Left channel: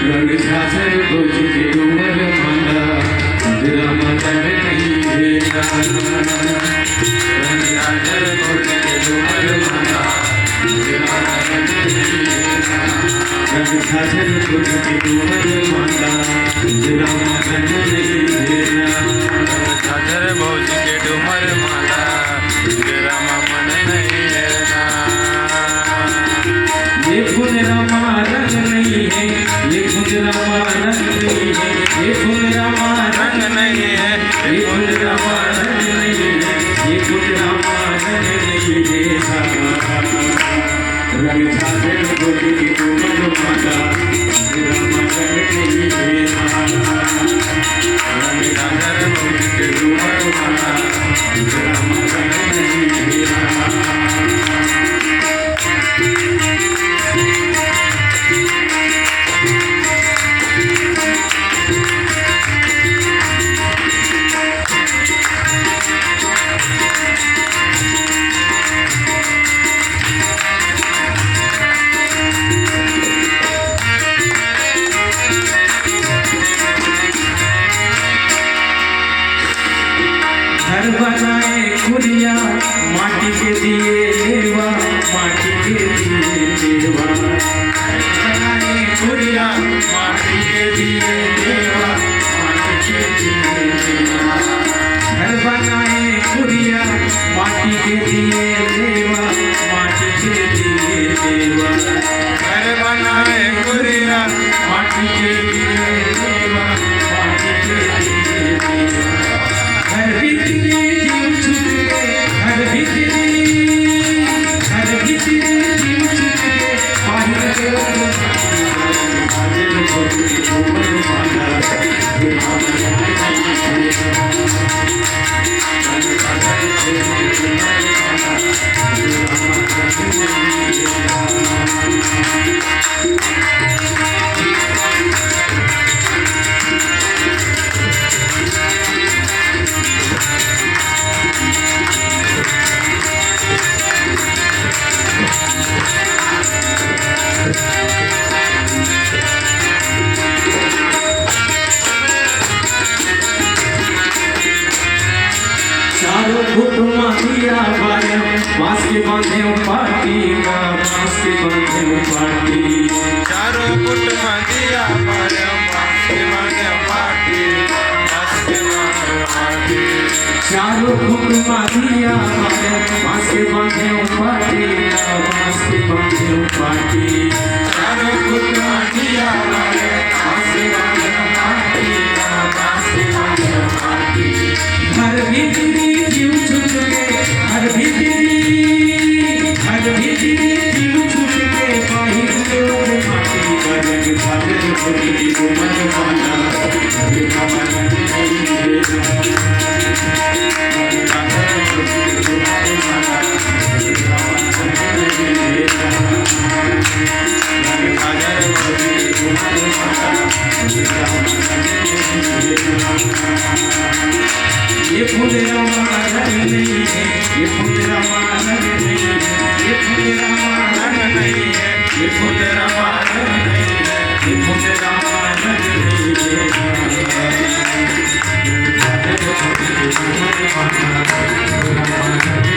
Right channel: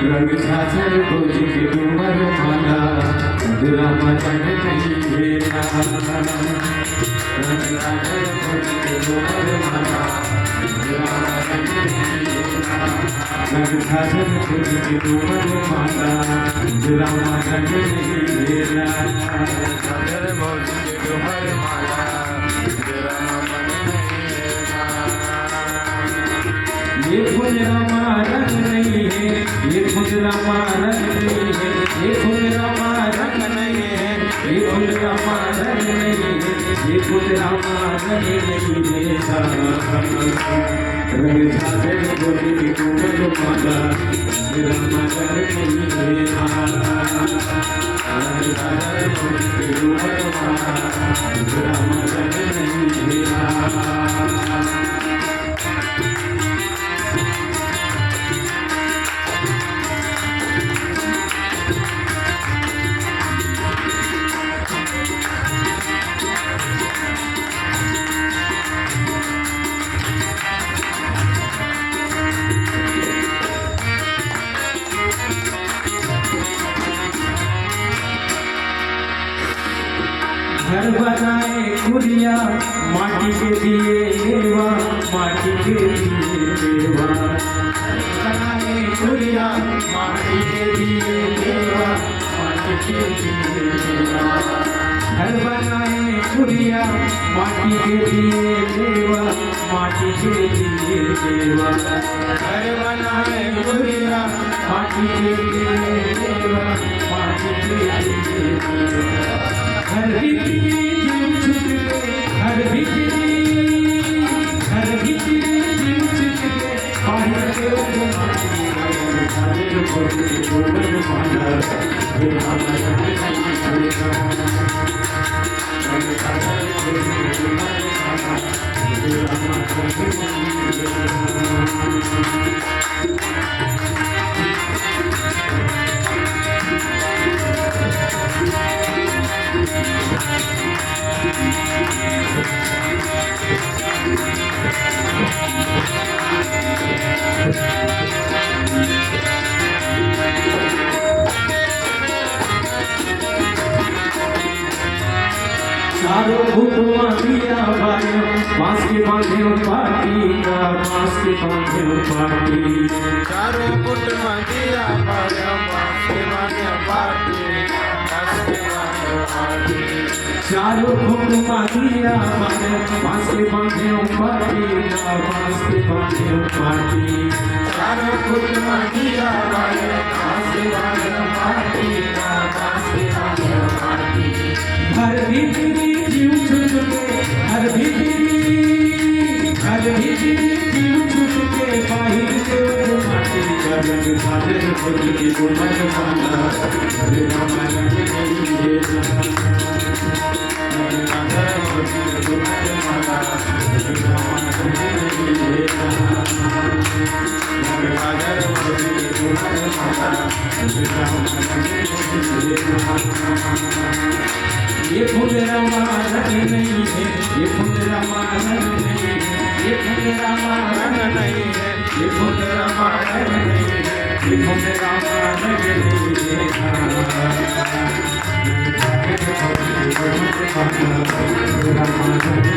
रंग झांझर भुज के डूमर माला तेरा मदन नहीं देना। रंग झांझर भुज के डूमर माला तेरा मदन नहीं देना। रंग झांझर भुज के डूमर माला तेरा मदन नहीं देना। रंग झांझर भुज के डूमर माला तेरा मन नहीं देना। ये फूल रामा रंग नहीं है, ये फूल रामा रंग नहीं है, ये फूल रामा रंग नहीं है, ये फूल रामा रंग नहीं है, ये फूल रामा रंग नहीं है। रंग झांझर भुज के डूमर माला तेरा मदन नहीं देना। रंग झांझर भुज के डूमर माला तेरा मन नहीं देना। घर बनाए कुरिया माटी के दिए देवा, माटी के दिए देवा। बनाए कुरिया माटी के दिए देवा, माटी के दिए देवा। घर बनाए कुरिया माटी के दिए देवा, माटी के दिए देवा। घर बनाए कुरिया माटी के दिए देवा, माटी के दिए देवा। घर भीतरी जीव छुट के, घर भीतरी जीव छुट के बाहर के डूमर माला तेरा मदन नहीं देना। रंग झांझर भुज के डूमर माला तेरा मदन नहीं देना। चारों फुटवा दिया बाया बांस के बांधे पाटी का, बांस के बांधे पाटी। चारों फुट दिया पाया बांस के बांधे पाटी, बांस के बांधे पाटी। चारों फुटवा दिया बाया बांस के बांधे पाटी का, बांस के बांधे पाटी। चारों फुटवा दिया पाया बांस के बांधे पाटी का, बांस के बांधे पाटी। घर भीतरी जीव छुट के, घर भीतरी जीव छुट के बाहर के माटी का। रंग झांझर भुज के डूमर माला तेरा मदन नहीं देना। रंग झांझर भुज के डूमर माला तेरा मन नहीं देना। रंग झांझर भुज के डूमर माला तेरा मन नहीं देना। ये फूल रामा रंग नहीं है, ये फूल रामा रंग नहीं है, ये फूल रामा रंग नहीं है, ये फूल रामा रंग नहीं है, ये फूल रामा रंग नहीं है।